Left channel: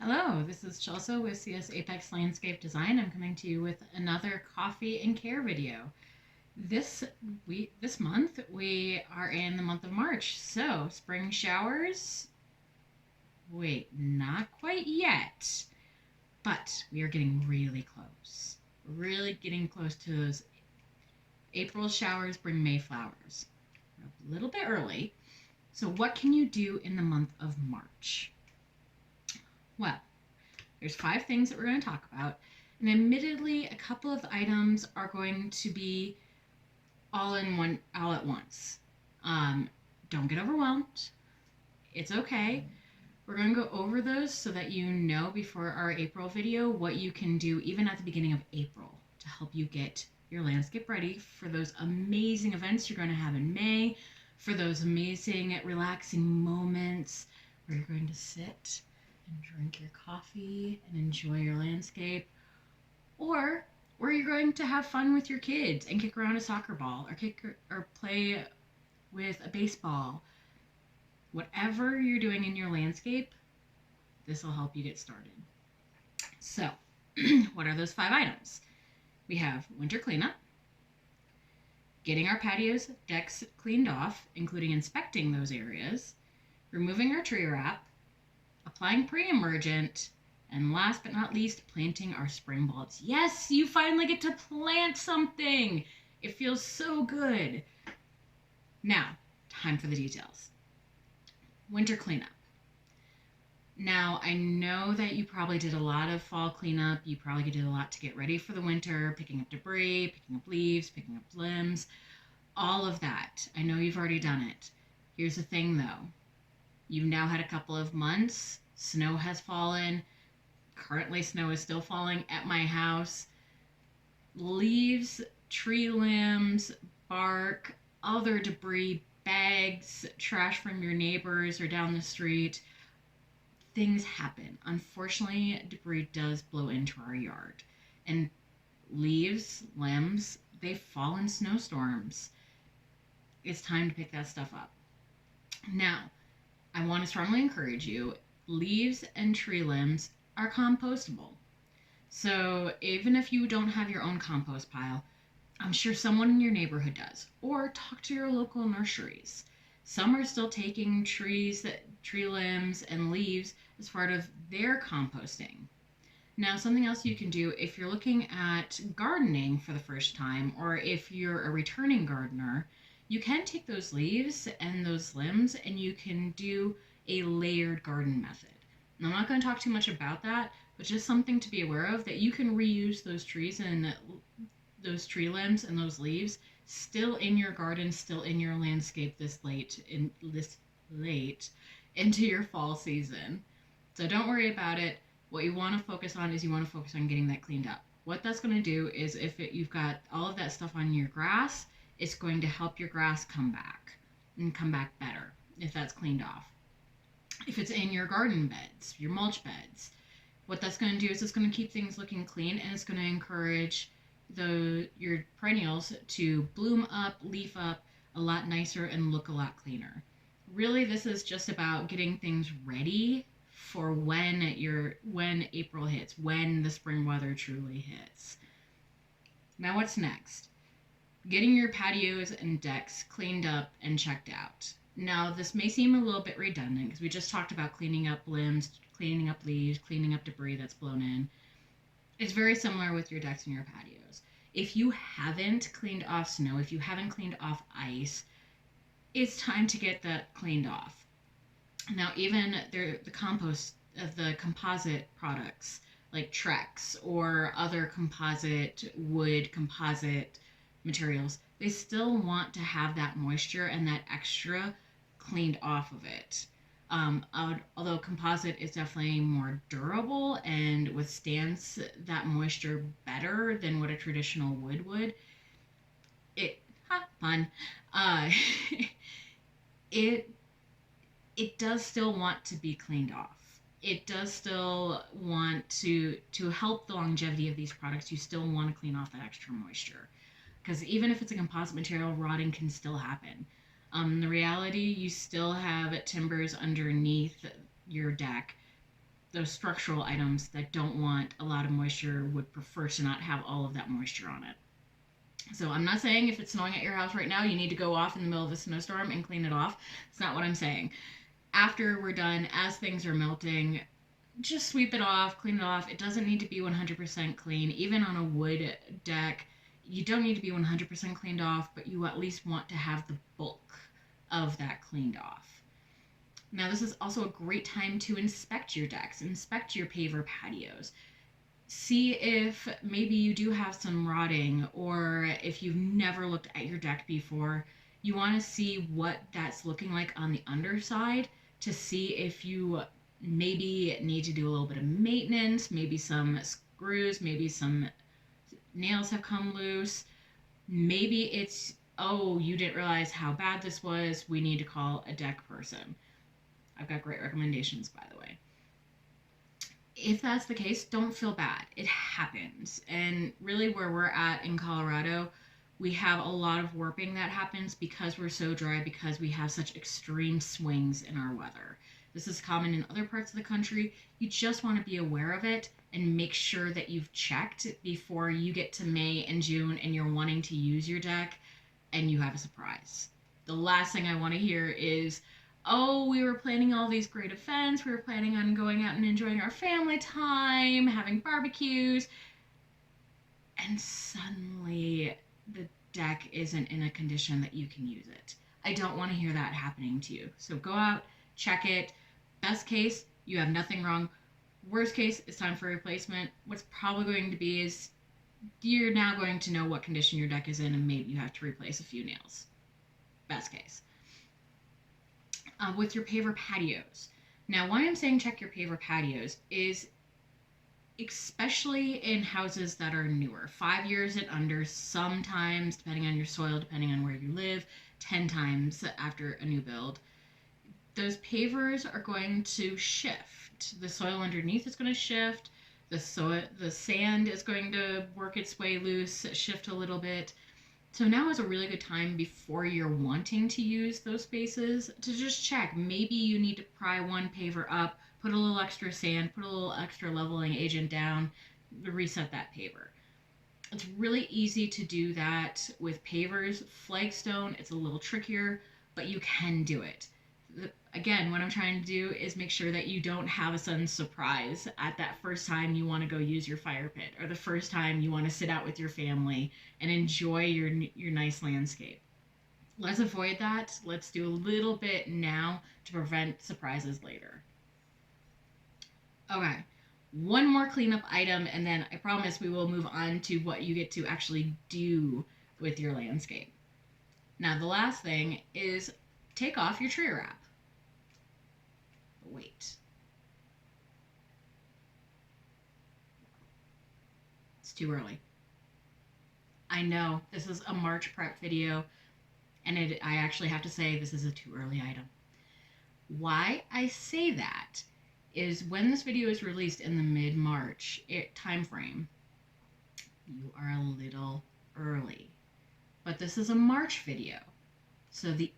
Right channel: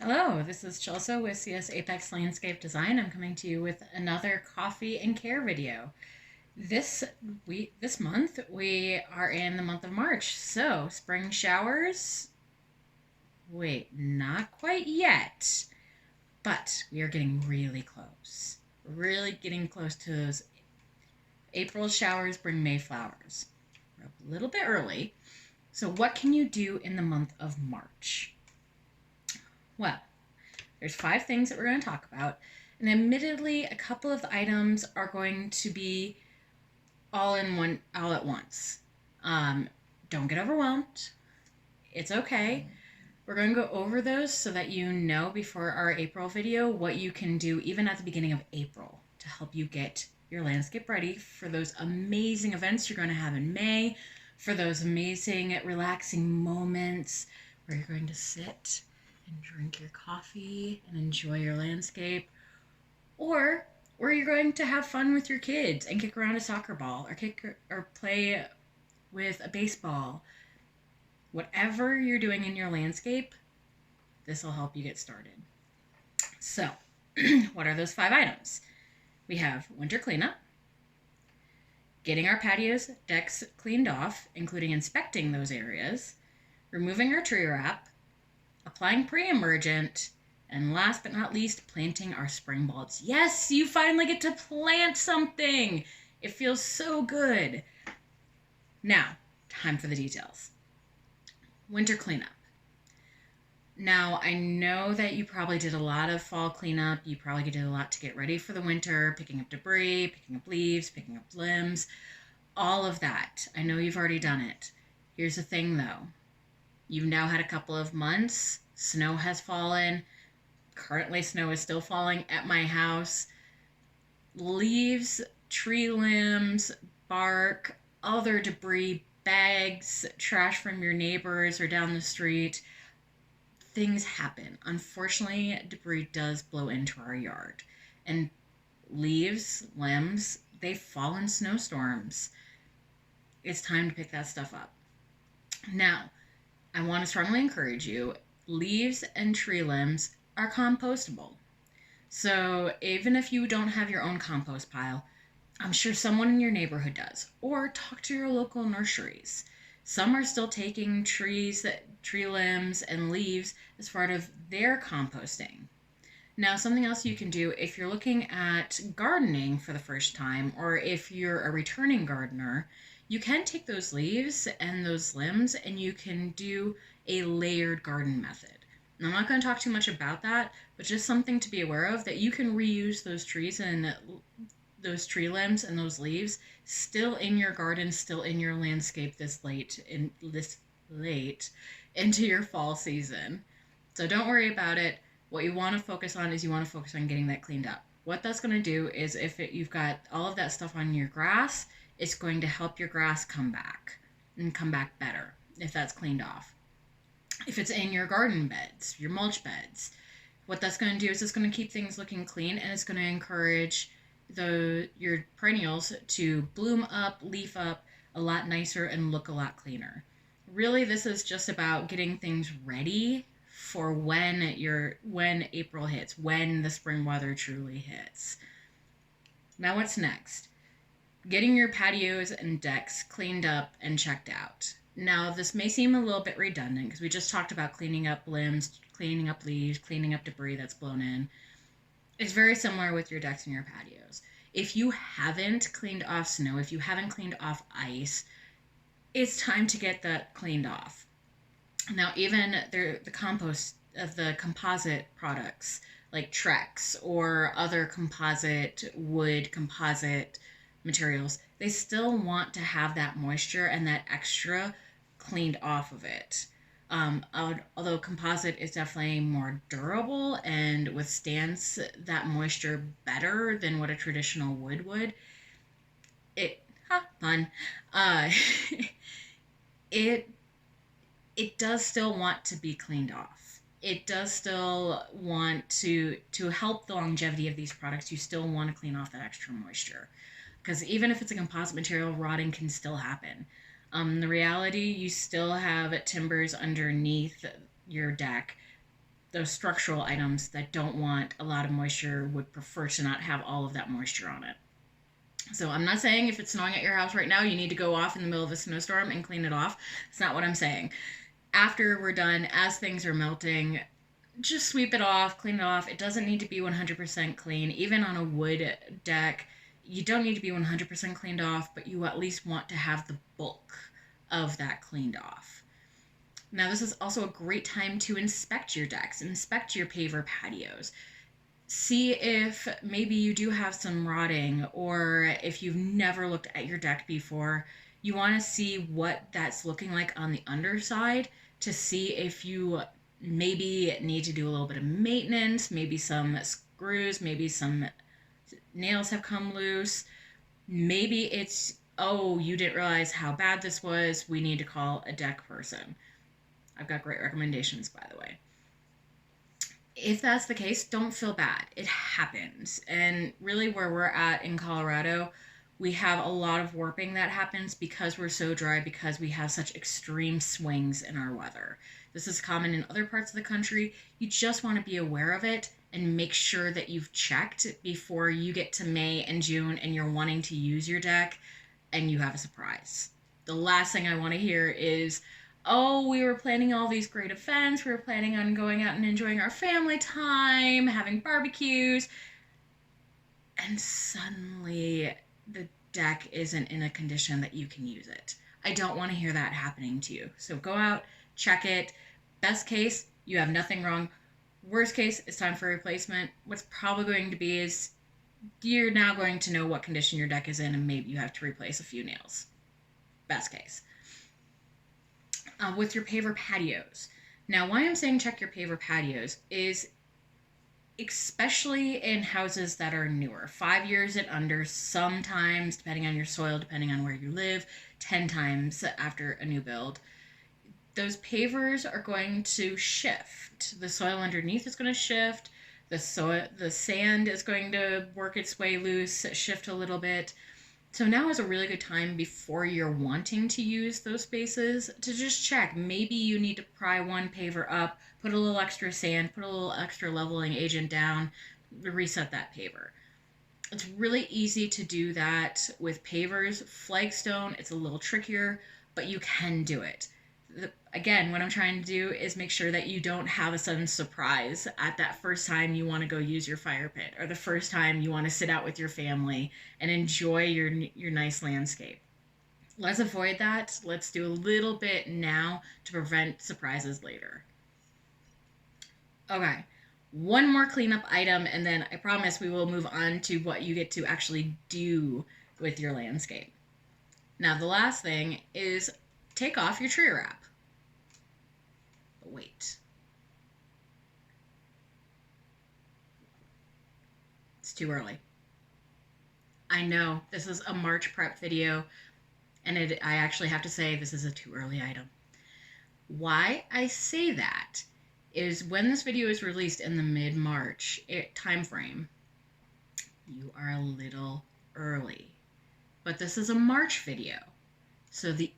Hello, this is Chelsea with CS Apex Landscape Design. I'm coming to you with another coffee and care video. This month, we are in the month of March. So, spring showers, wait, not quite yet, but we are getting really close. Really getting close to those April showers bring May flowers. We're a little bit early. So, what can you do in the month of March? Well, there's 5 things that we're going to talk about. And admittedly, a couple of the items are going to be all at once. Um, don't get overwhelmed. It's okay. We're going to go over those so that you know before our April video what you can do even at the beginning of April to help you get your landscape ready for those amazing events you're going to have in May, for those amazing relaxing moments where you're going to sit and drink your coffee and enjoy your landscape, or where you're going to have fun with your kids and kick around a soccer ball or play with a baseball. Whatever you're doing in your landscape, this will help you get started. So, what are those 5 items? We have winter cleanup, getting our patios, decks cleaned off, including inspecting those areas, removing our tree wrap, applying pre-emergent, and last but not least, planting our spring bulbs. Yes, you finally get to plant something. It feels so good. Now, time for the details. Winter cleanup. Now, I know that you probably did a lot of fall cleanup. You probably did a lot to get ready for the winter, picking up debris, picking up leaves, picking up limbs, all of that. I know you've already done it. Here's the thing though. You've now had a couple of months. Snow has fallen. Currently, snow is still falling at my house. Leaves, tree limbs, bark, other debris, bags, trash from your neighbors or down the street. Things happen. Unfortunately, debris does blow into our yard. And leaves, limbs, they fall in snowstorms. It's time to pick that stuff up. Now, I want to strongly encourage you, leaves and tree limbs are compostable. So even if you don't have your own compost pile, I'm sure someone in your neighborhood does. Or talk to your local nurseries. Some are still taking tree limbs and leaves as part of their composting. Now, something else you can do if you're looking at gardening for the first time, or if you're a returning gardener, you can take those leaves and those limbs and you can do a layered garden method. Now, I'm not going to talk too much about that, but just something to be aware of that you can reuse those trees and those tree limbs and those leaves still in your garden, still in your landscape this late into your fall season. So don't worry about it. What you want to focus on is you want to focus on getting that cleaned up. What that's going to do is you've got all of that stuff on your grass, it's going to help your grass come back and come back better if that's cleaned off. If it's in your garden beds, your mulch beds, what that's going to do is it's going to keep things looking clean, and it's going to encourage your perennials to bloom up, leaf up a lot nicer and look a lot cleaner. Really, this is just about getting things ready for when April hits, when the spring weather truly hits. Now what's next? Getting your patios and decks cleaned up and checked out. Now, this may seem a little bit redundant because we just talked about cleaning up limbs, cleaning up leaves, cleaning up debris that's blown in. It's very similar with your decks and your patios. If you haven't cleaned off snow, if you haven't cleaned off ice, it's time to get that cleaned off. Now, even the composite products like Trex or other composite materials, they still want to have that moisture and that extra cleaned off of it. Although composite is definitely more durable and withstands that moisture better than what a traditional wood would, fun. Uh, it it does still want to be cleaned off. It does still want to help the longevity of these products. You still want to clean off that extra moisture, because even if it's a composite material, rotting can still happen. The reality, you still have timbers underneath your deck. those structural items that don't want a lot of moisture would prefer to not have all of that moisture on it. So I'm not saying if it's snowing at your house right now, you need to go off in the middle of a snowstorm and clean it off. That's not what I'm saying. After we're done, as things are melting, just sweep it off, clean it off. It doesn't need to be 100% clean. Even on a wood deck, you don't need to be 100% cleaned off, but you at least want to have the bulk of that cleaned off. Now, this is also a great time to inspect your decks, inspect your paver patios. See if maybe you do have some rotting, or if you've never looked at your deck before, you want to see what that's looking like on the underside to see if you maybe need to do a little bit of maintenance, maybe some screws, maybe some nails have come loose. Maybe it's, oh, you didn't realize how bad this was. We need to call a deck person. I've got great recommendations, by the way. If that's the case, don't feel bad. It happens. And really where we're at in Colorado, we have a lot of warping that happens because we're so dry, because we have such extreme swings in our weather. This is common in other parts of the country. You just want to be aware of it and make sure that you've checked before you get to May and June and you're wanting to use your deck and you have a surprise. The last thing I want to hear is, oh, we were planning all these great events. We were planning on going out and enjoying our family time, having barbecues. And suddenly the deck isn't in a condition that you can use it. I don't want to hear that happening to you. So go out, check it. Best case, you have nothing wrong. Worst case, it's time for replacement. What's probably going to be is you're now going to know what condition your deck is in and maybe you have to replace a few nails. Best case. With your paver patios. Now, why I'm saying check your paver patios is especially in houses that are newer, 5 years and under, sometimes, depending on your soil, depending on where you live, 10 times after a new build. Those pavers are going to shift. The soil underneath is going to shift. The sand is going to work its way loose, shift a little bit. So now is a really good time before you're wanting to use those spaces to just check. Maybe you need to pry one paver up, put a little extra sand, put a little extra leveling agent down, reset that paver. It's really easy to do that with pavers. Flagstone, it's a little trickier, but you can do it. Again, what I'm trying to do is make sure that you don't have a sudden surprise at that first time you want to go use your fire pit, or the first time you want to sit out with your family and enjoy your nice landscape. Let's avoid that. Let's do a little bit now to prevent surprises later. Okay, one more cleanup item, and then I promise we will move on to what you get to actually do with your landscape. Now, the last thing is take off your tree wrap. But wait. It's too early. I know this is a March prep video, and I actually have to say this is a too early item. Why I say that is when this video is released in the mid-March time frame, you are a little early. But this is a March video. So the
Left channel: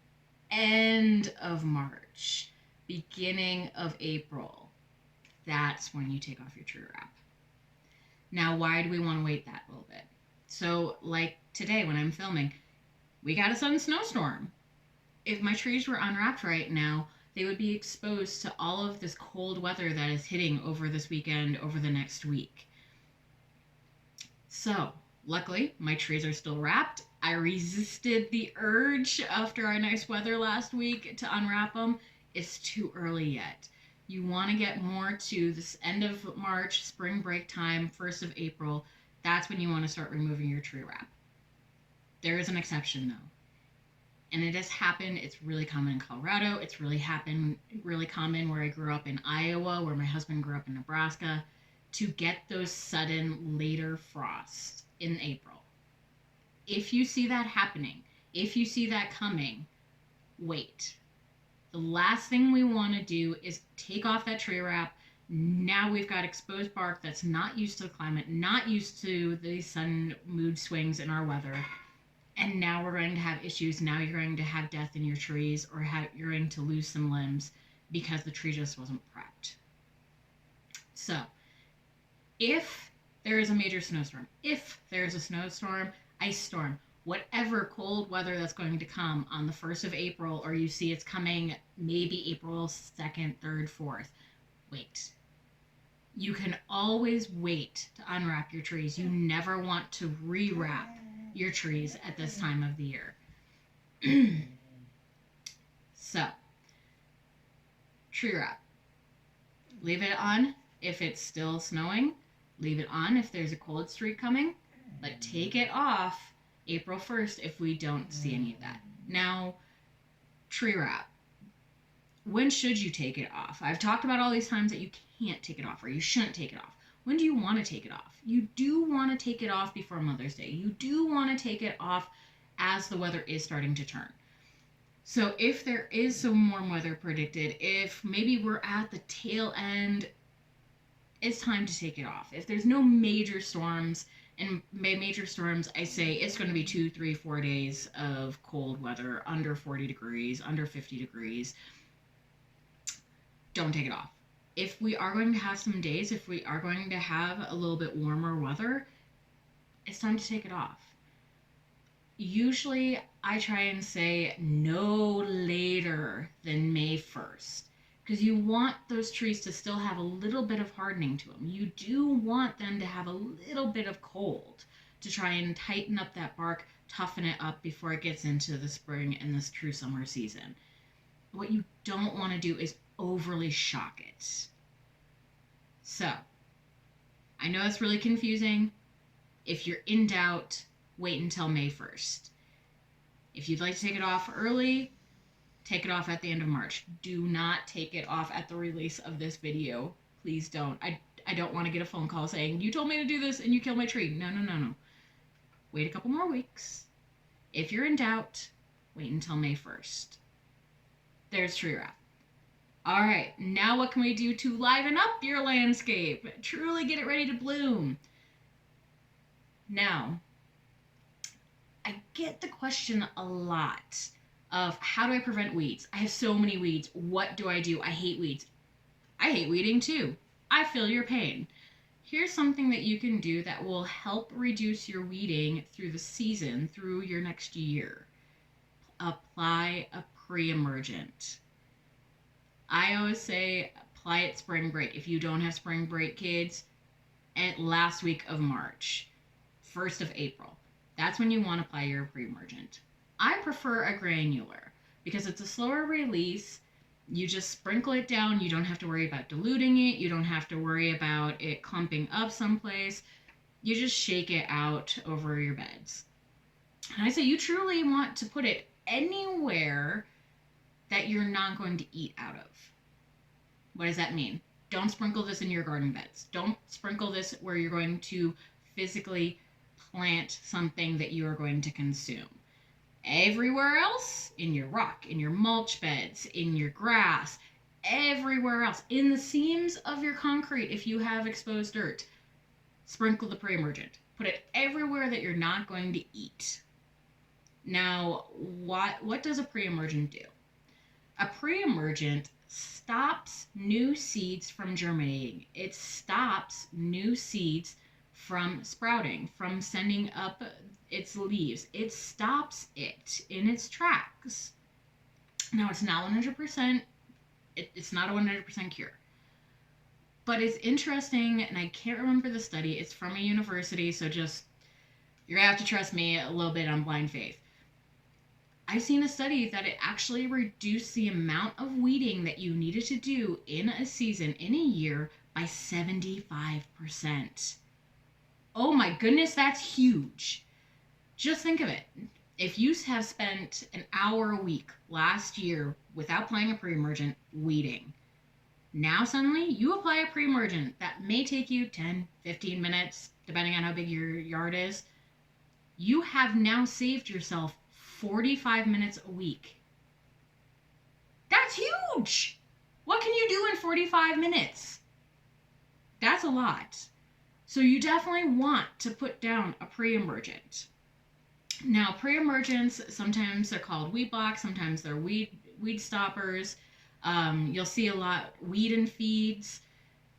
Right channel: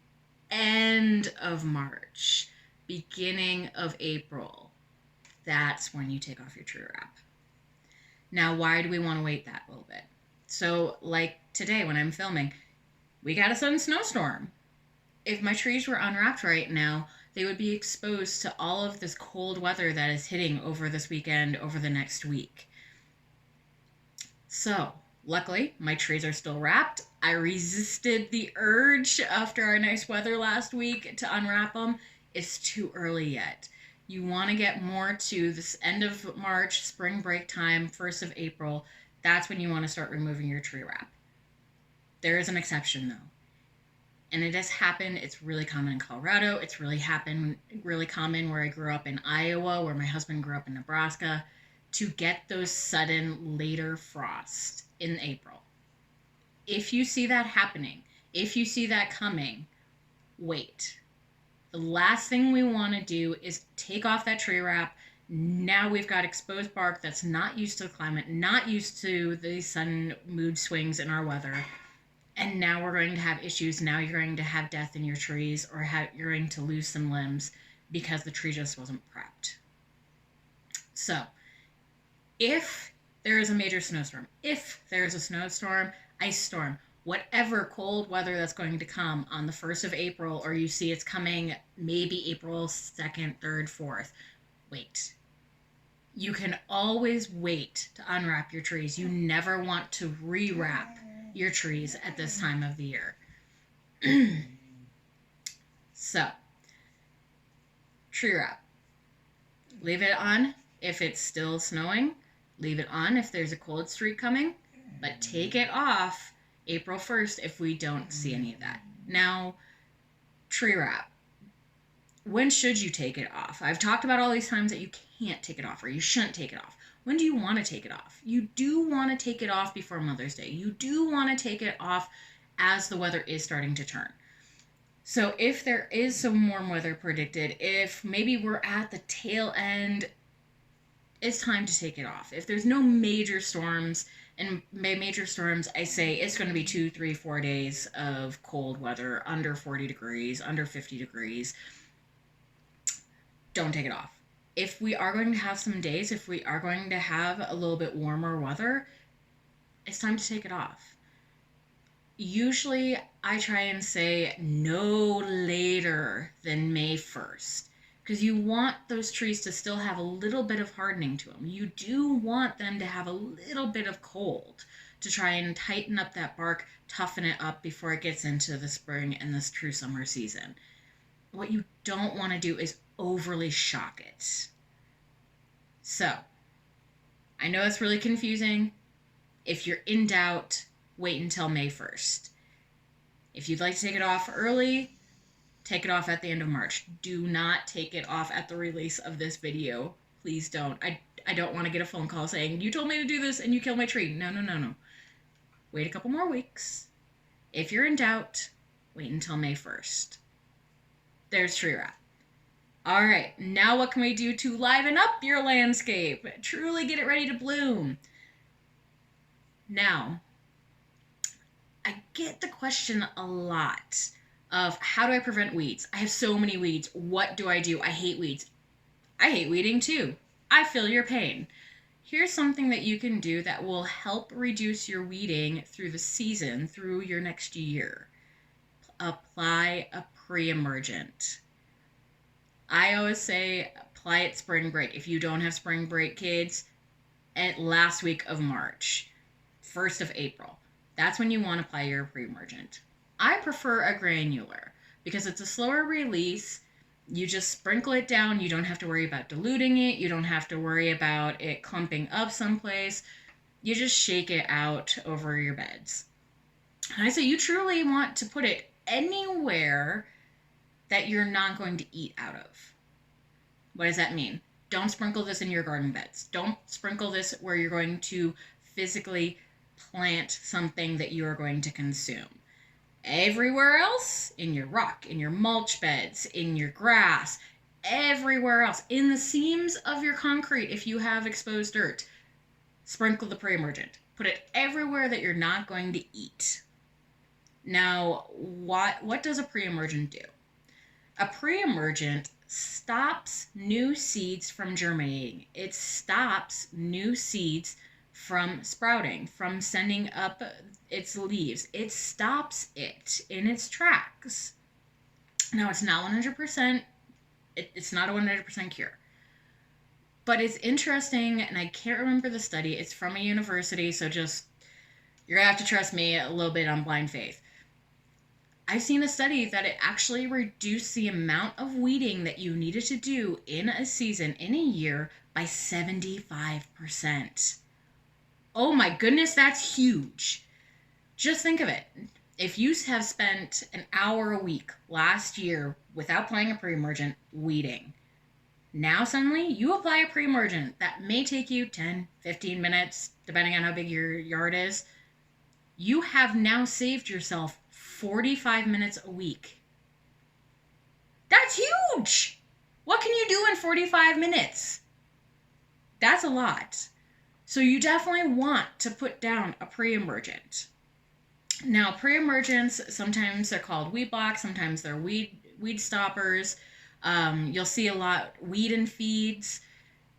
end of March, beginning of April, that's when you take off your tree wrap. Now, why do we want to wait that little bit? So, like today when I'm filming, we got a sudden snowstorm. If my trees were unwrapped right now, they would be exposed to all of this cold weather that is hitting over this weekend, over the next week. So, luckily, my trees are still wrapped. I resisted the urge after our nice weather last week to unwrap them. It's too early yet. You want to get more to this end of March, spring break time, 1st of April. That's when you want to start removing your tree wrap. There is an exception, though. And it has happened. It's really common in Colorado. It's really common where I grew up in Iowa, where my husband grew up in Nebraska, to get those sudden later frosts in April. If you see that happening, if you see that coming, wait. The last thing we want to do is take off that tree wrap. Now we've got exposed bark that's not used to the climate, not used to the sudden mood swings in our weather. And now we're going to have issues. Now you're going to have death in your trees, or you're going to lose some limbs because the tree just wasn't prepped. So if there is a major snowstorm, if there is a snowstorm, ice storm, whatever cold weather that's going to come on the 1st of April, or you see it's coming maybe April 2nd, 3rd, 4th, wait. You can always wait to unwrap your trees. You never want to rewrap your trees at this time of the year. So, tree wrap. Leave it on if it's still snowing. Leave it on if there's a cold streak coming. But take it off April 1st if we don't see any of that. Now, tree wrap. When should you take it off? I've talked about all these times that you can't take it off or you shouldn't take it off. When do you want to take it off? You do want to take it off before Mother's Day. You do want to take it off as the weather is starting to turn. So if there is some warm weather predicted, if maybe we're at the tail end, it's time to take it off. If there's no major storms, and by major storms, I say it's going to be 2, 3, 4 days of cold weather, under 40 degrees, under 50 degrees, don't take it off. If we are going to have some days, if we are going to have a little bit warmer weather, it's time to take it off. Usually I try and say no later than May 1st because you want those trees to still have a little bit of hardening to them. You do want them to have a little bit of cold to try and tighten up that bark, toughen it up before it gets into the spring and this true summer season. What you don't want to do is overly shock it. So, I know it's really confusing. If you're in doubt, wait until May 1st. If you'd like to take it off early, take it off at the end of March. Do not take it off at the release of this video. Please don't. I don't want to get a phone call saying, you told me to do this and you killed my tree. No. Wait a couple more weeks. If you're in doubt, wait until May 1st. There's tree wrap. All right, now what can we do to liven up your landscape? Truly get it ready to bloom. Now, I get the question a lot of how do I prevent weeds? I have so many weeds. What do? I hate weeds. I hate weeding too. I feel your pain. Here's something that you can do that will help reduce your weeding through the season, through your next year. Apply a Pre-Emergent. I always say apply it spring break. If you don't have spring break, kids, at last week of March, 1st of April. That's when you want to apply your Pre-Emergent. I prefer a granular because it's a slower release. You just sprinkle it down. You don't have to worry about diluting it. You don't have to worry about it clumping up someplace. You just shake it out over your beds. And I say you truly want to put it anywhere that you're not going to eat out of. What does that mean? Don't sprinkle this in your garden beds. Don't sprinkle this where you're going to physically plant something that you are going to consume. Everywhere else, in your rock, in your mulch beds, in your grass, everywhere else, in the seams of your concrete, if you have exposed dirt, sprinkle the Pre-Emergent. Put it everywhere that you're not going to eat. Now, what does a Pre-Emergent do? A Pre-Emergent stops new seeds from germinating. It stops new seeds from sprouting, from sending up its leaves. It stops it in its tracks. Now, it's not 100%, it's not a 100% cure. But it's interesting, and I can't remember the study. It's from a university, so just, you're going to have to trust me a little bit on blind faith. I've seen a study that it actually reduced the amount of weeding that you needed to do in a season, in a year, by 75%. Oh my goodness, that's huge. Just think of it. If you have spent an hour a week last year without applying a Pre-Emergent weeding, now suddenly you apply a Pre-Emergent that may take you 10, 15 minutes, depending on how big your yard is. You have now saved yourself 45 minutes a week. That's huge. What can you do in 45 minutes? That's a lot. So you definitely want to put down a Pre-Emergent. Now, Pre-Emergents, sometimes they're called weed blocks, sometimes they're weed stoppers. You'll see a lot weed and feeds.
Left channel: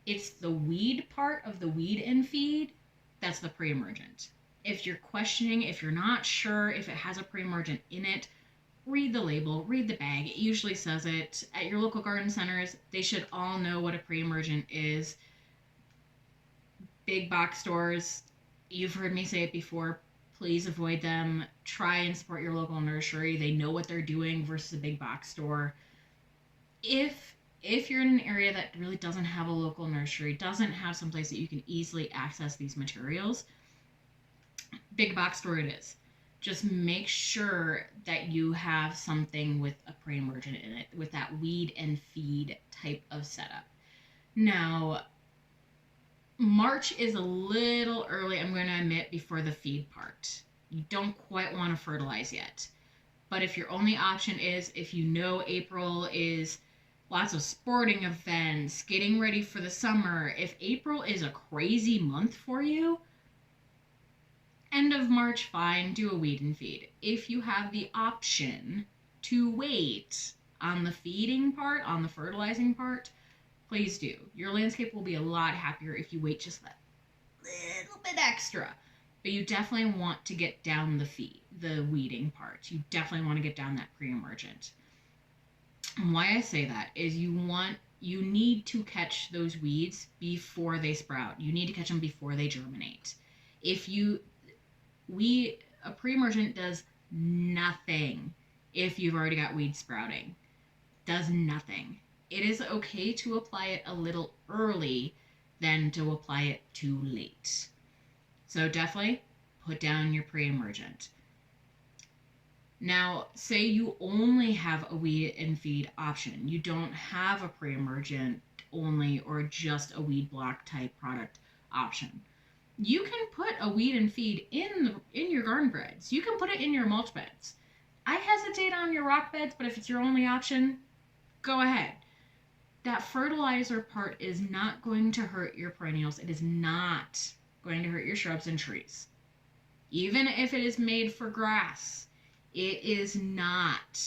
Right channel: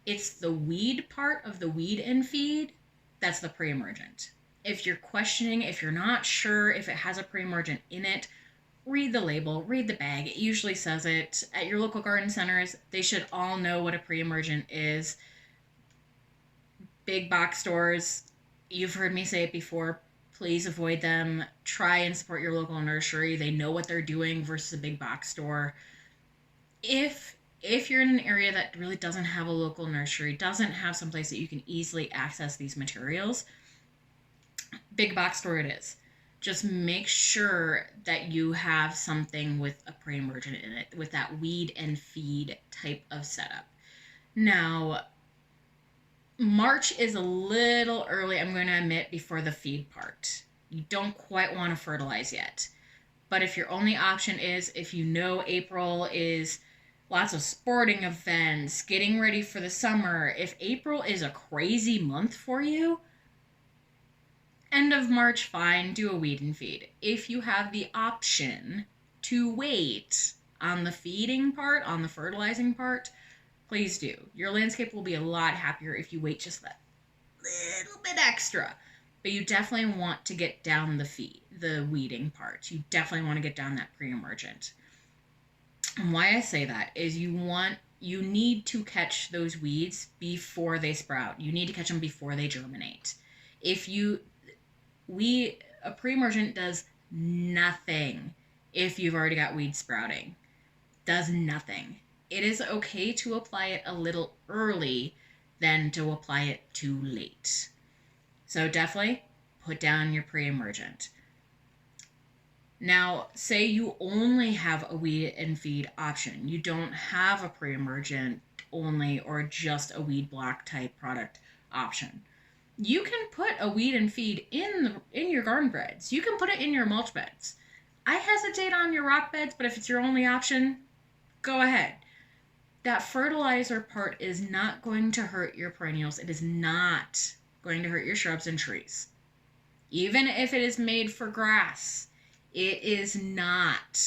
It's the weed part of the weed and feed that's the pre-emergent. If you're questioning, if you're not sure if it has a pre-emergent in it, read the label, read the bag. It usually says it. At your local garden centers, they should all know what a pre-emergent is. Big box stores, you've heard me say it before, please avoid them. Try and support your local nursery. They know what they're doing versus a big box store. If you're in an area that really doesn't have a local nursery, doesn't have someplace that you can easily access these materials, big box store it is. Just make sure that you have something with a pre-emergent in it, with that weed and feed type of setup. Now, March is a little early, I'm going to admit, before the feed part. You don't quite want to fertilize yet. But if your only option is, if you know April is lots of sporting events, getting ready for the summer, if April is a crazy month for you, end of March, fine, do a weed and feed. If you have the option to wait on the feeding part, on the fertilizing part, please do. Your landscape will be a lot happier if you wait just that little bit extra. But you definitely want to get down the weeding part. You definitely want to get down that pre-emergent. And why I say that is you need to catch those weeds before they sprout. You need to catch them before they germinate. A pre-emergent does nothing if you've already got weeds sprouting. Does nothing. It is okay to apply it a little early than to apply it too late. So definitely put down your pre-emergent. Now, say you only have a weed and feed option. You don't have a pre-emergent only or just a weed block type product option. You can put a weed and feed in your garden beds. You can put it in your mulch beds. I hesitate on your rock beds, but if it's your only option, go ahead. That fertilizer part is not going to hurt your perennials. It is not going to hurt your shrubs and trees. Even if it is made for grass, it is not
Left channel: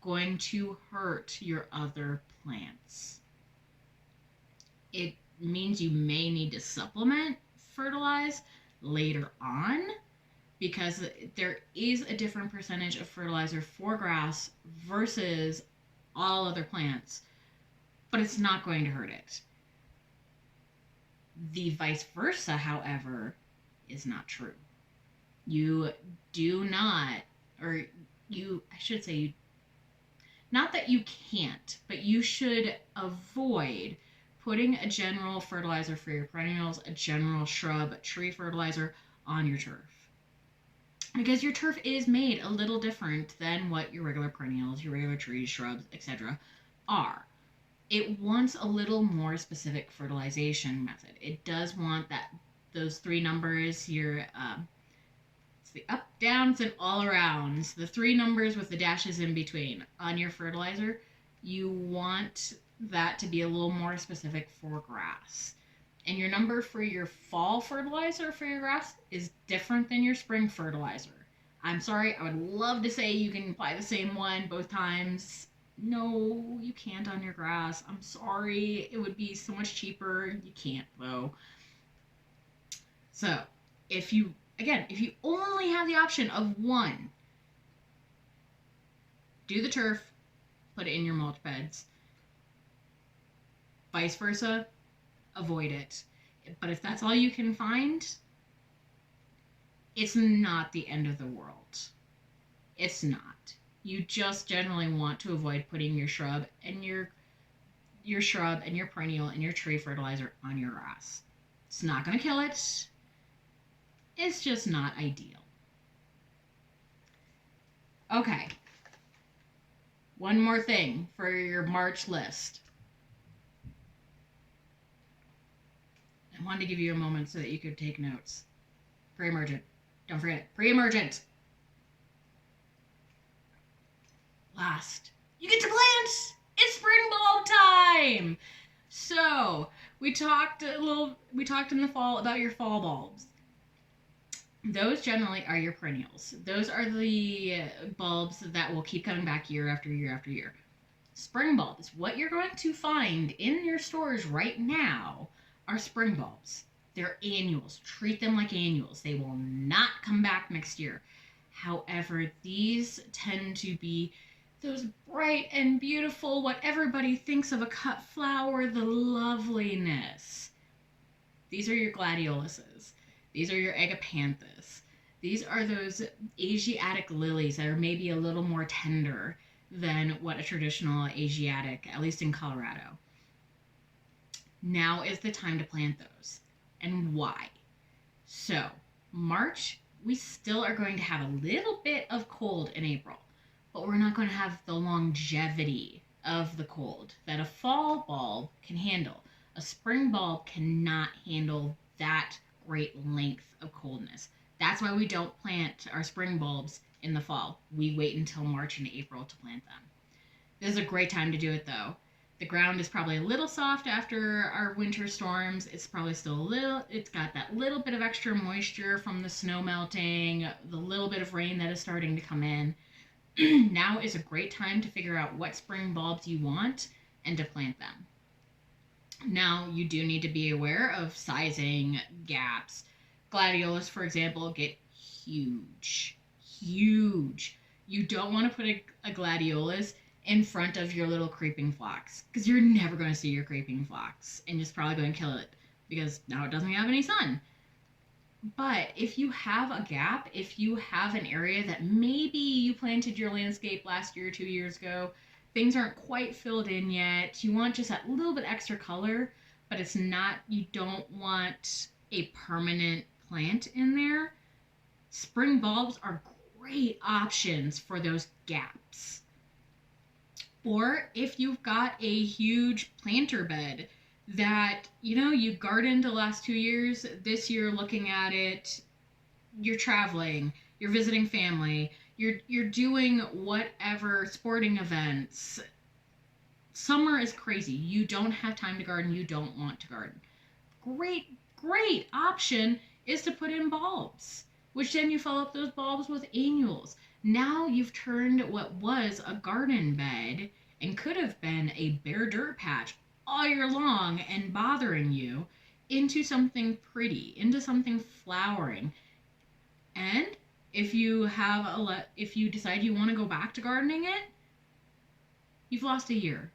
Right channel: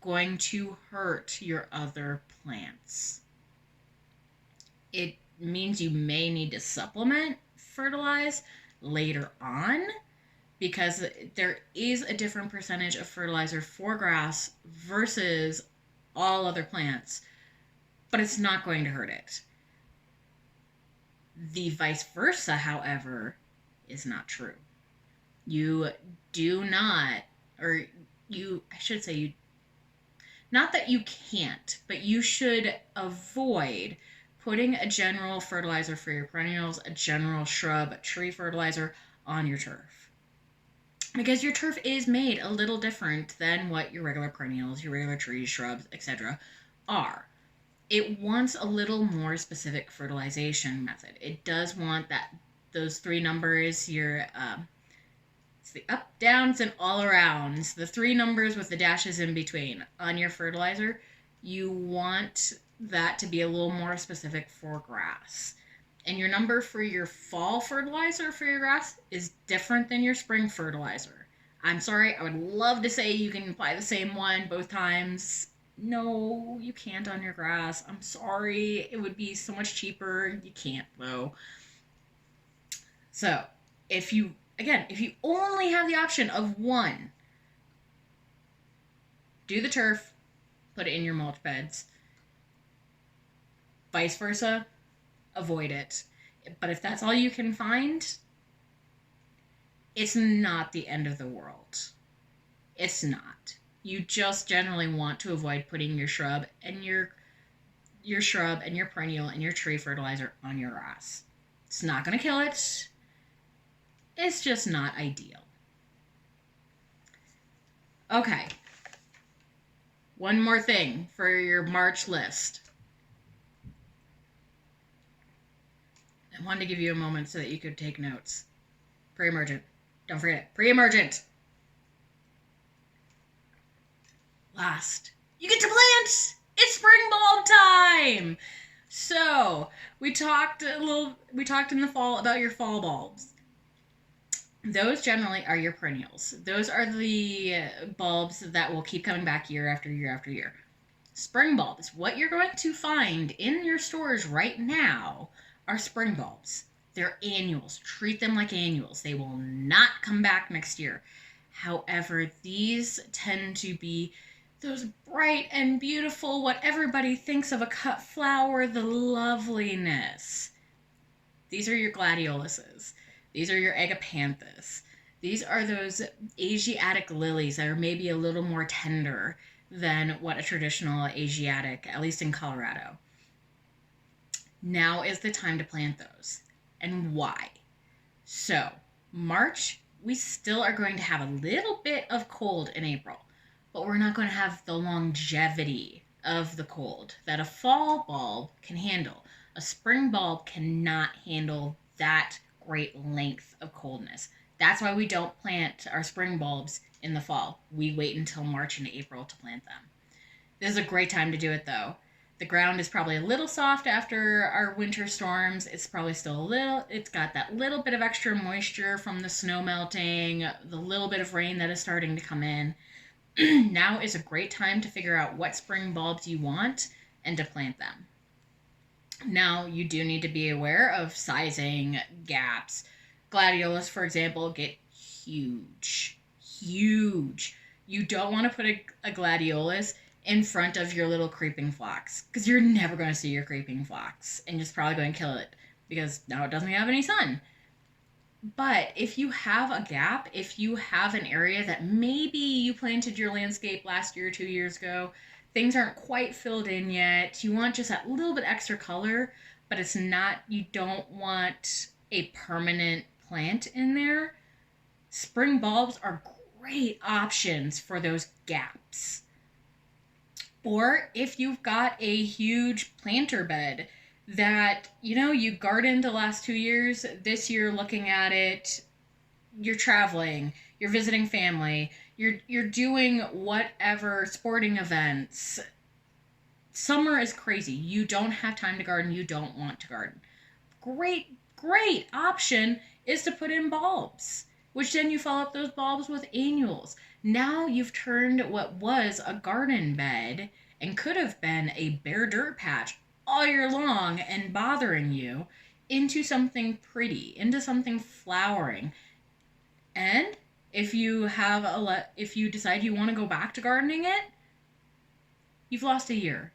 going to hurt your other plants. It means you may need to supplement fertilize later on because there is a different percentage of fertilizer for grass versus all other plants, but it's not going to hurt it. The vice versa, however, is not true. You do not, not that you can't, but you should avoid putting a general fertilizer for your perennials, a general shrub, tree fertilizer on your turf. Because your turf is made a little different than what your regular perennials, your regular trees, shrubs, etc. are. It wants a little more specific fertilization method. It does want those three numbers, it's the up, downs, and all arounds. The three numbers with the dashes in between on your fertilizer. You want that to be a little more specific for grass. And your number for your fall fertilizer for your grass is different than your spring fertilizer. I'm sorry, I would love to say you can apply the same one both times. No, you can't on your grass. I'm sorry, it would be so much cheaper. You can't though. So, if you only have the option of one, do the turf, put it in your mulch beds. Vice versa, avoid it. But if that's all you can find, it's not the end of the world. It's not. You just generally want to avoid putting your shrub and your perennial and your tree fertilizer on your grass. It's not going to kill it. It's just not ideal. Okay. One more thing for your March list. I wanted to give you a moment so that you could take notes. Pre-emergent. Don't forget it. Pre-emergent. Last, you get to plant. It's spring bulb time. So we talked in the fall about your fall bulbs. Those generally are your perennials. Those are the bulbs that will keep coming back year after year after year. Spring bulbs, what you're going to find in your stores right now are spring bulbs. They're annuals. Treat them like annuals. They will not come back next year. However, these tend to be those bright and beautiful, what everybody thinks of a cut flower, the loveliness. These are your gladioluses. These are your agapanthus. These are those Asiatic lilies that are maybe a little more tender than what a traditional Asiatic, at least in Colorado. Now is the time to plant those. And why? So, March, we still are going to have a little bit of cold in April, but we're not going to have the longevity of the cold that a fall bulb can handle. A spring bulb cannot handle that great length of coldness. That's why we don't plant our spring bulbs in the fall. We wait until March and April to plant them. This is a great time to do it though. The ground is probably a little soft after our winter storms. It's probably still it's got that little bit of extra moisture from the snow melting, the little bit of rain that is starting to come in. Now is a great time to figure out what spring bulbs you want and to plant them. Now, you do need to be aware of sizing gaps. Gladiolus, for example, get huge. You don't want to put a gladiolus in front of your little creeping phlox because you're never going to see your creeping phlox and it's probably going to kill it because now it doesn't have any sun. But if you have a gap, if you have an area that maybe you planted your landscape last year, 2 years ago, things aren't quite filled in yet, you want just that little bit extra color, but it's not, you don't want a permanent plant in there, spring bulbs are great options for those gaps. Or if you've got a huge planter bed that, you gardened the last 2 years, this year looking at it, you're traveling, you're visiting family, you're doing whatever sporting events. Summer is crazy. You don't have time to garden, you don't want to garden. Great option is to put in bulbs, which then you follow up those bulbs with annuals. Now you've turned what was a garden bed and could have been a bare dirt patch all year long and bothering you into something pretty, into something flowering. And if you decide you want to go back to gardening it, you've lost a year.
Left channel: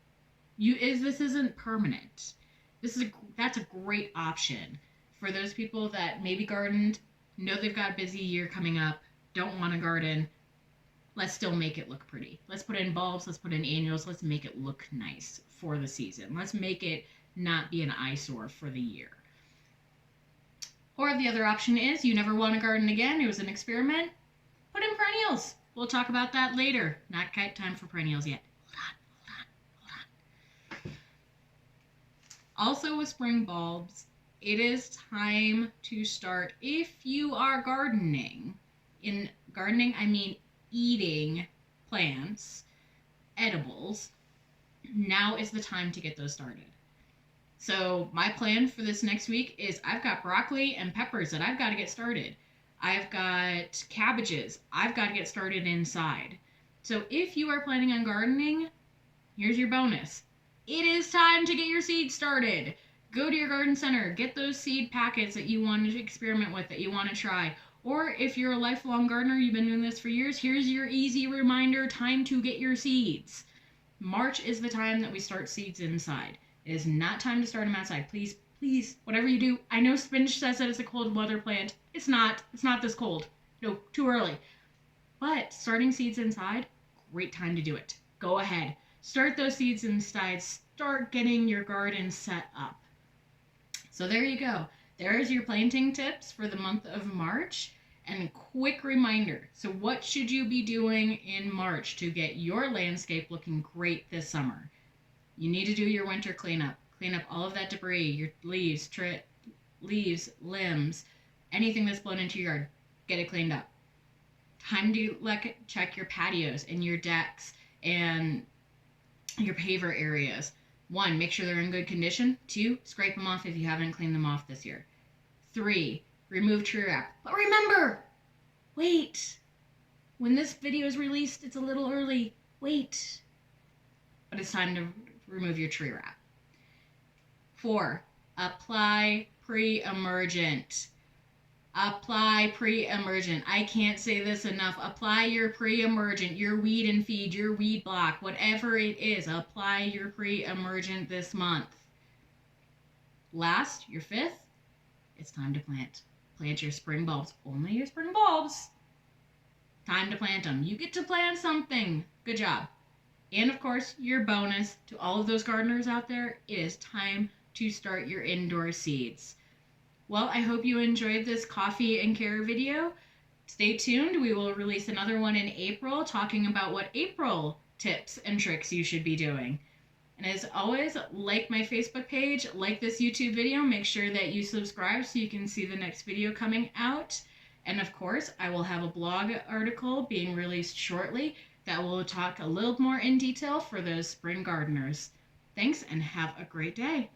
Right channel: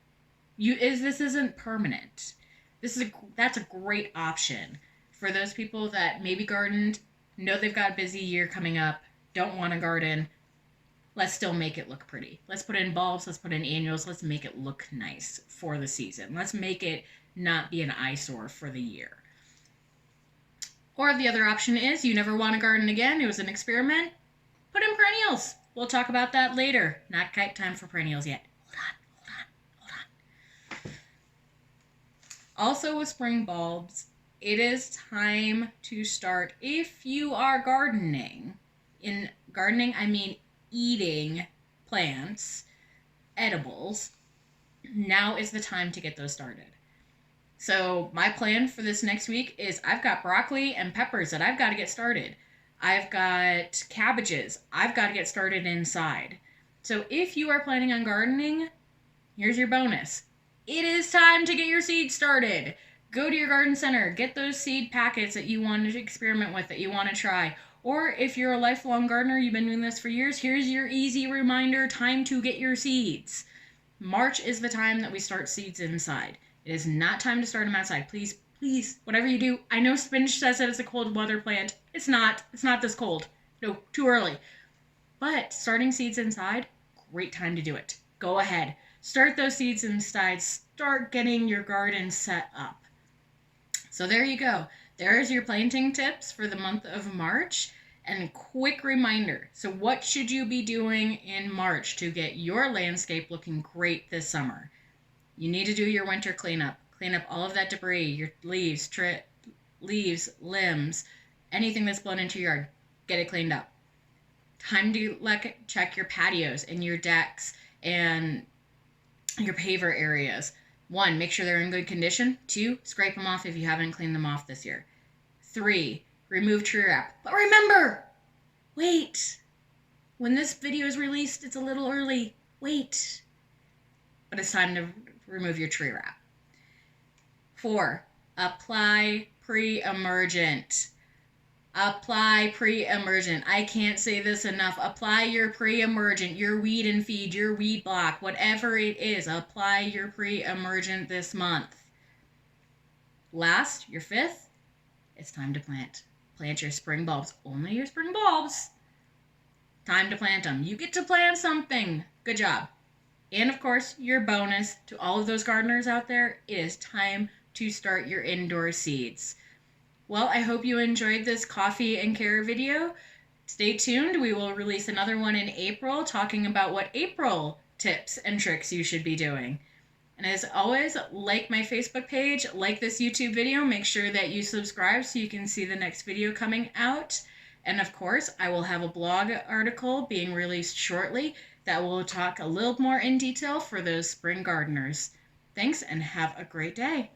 This isn't permanent. That's a great option for those people that maybe gardened, know they've got a busy year coming up, don't want to garden. Let's still make it look pretty. Let's put in bulbs, let's put in annuals, let's make it look nice for the season. Let's make it not be an eyesore for the year. Or the other option is you never want to garden again, it was an experiment, put in perennials. We'll talk about that later. Not quite time for perennials yet. Hold on. Also with spring bulbs, it is time to start, if you are gardening. In gardening, I mean eating plants, edibles, now is the time to get those started. So my plan for this next week is I've got broccoli and peppers that I've got to get started. I've got cabbages I've got to get started inside. So if you are planning on gardening, here's your bonus. It is time to get your seeds started. Go to your garden center, get those seed packets that you want to experiment with, that you want to try. Or if you're a lifelong gardener, you've been doing this for years, here's your easy reminder, time to get your seeds. March is the time that we start seeds inside. It is not time to start them outside. Please, whatever you do. I know spinach says that it's a cold weather plant. It's not this cold. No, too early. But starting seeds inside, great time to do it. Go ahead. Start those seeds inside. Start getting your garden set up. So there you go. There's your planting tips for the month of March. And quick reminder, so what should you be doing in March to get your landscape looking great this summer? You need to do your winter cleanup. Clean up all of that debris, your leaves, limbs, anything that's blown into your yard. Get it cleaned up. Time to check your patios and your decks and your paver areas. 1, make sure they're in good condition. 2, scrape them off if you haven't cleaned them off this year. 3, remove tree wrap. But remember, wait. When this video is released, it's a little early. Wait. but it's time to remove your tree wrap. 4, apply Pre-Emergent. Apply Pre-Emergent. I can't say this enough. Apply your Pre-Emergent, your weed and feed, your weed block, whatever it is. Apply your Pre-Emergent this month. Last, your 5th, it's time to plant. Plant your spring bulbs. Only your spring bulbs. Time to plant them. You get to plant something. Good job. And of course, your bonus to all of those gardeners out there, it is time to start your indoor seeds. Well, I hope you enjoyed this coffee and care video. Stay tuned. We will release another one in April talking about what April tips and tricks you should be doing. And as always, like my Facebook page, like this YouTube video, make sure that you subscribe so you can see the next video coming out. And of course, I will have a blog article being released shortly that will talk a little more in detail for those spring gardeners. Thanks and have a great day.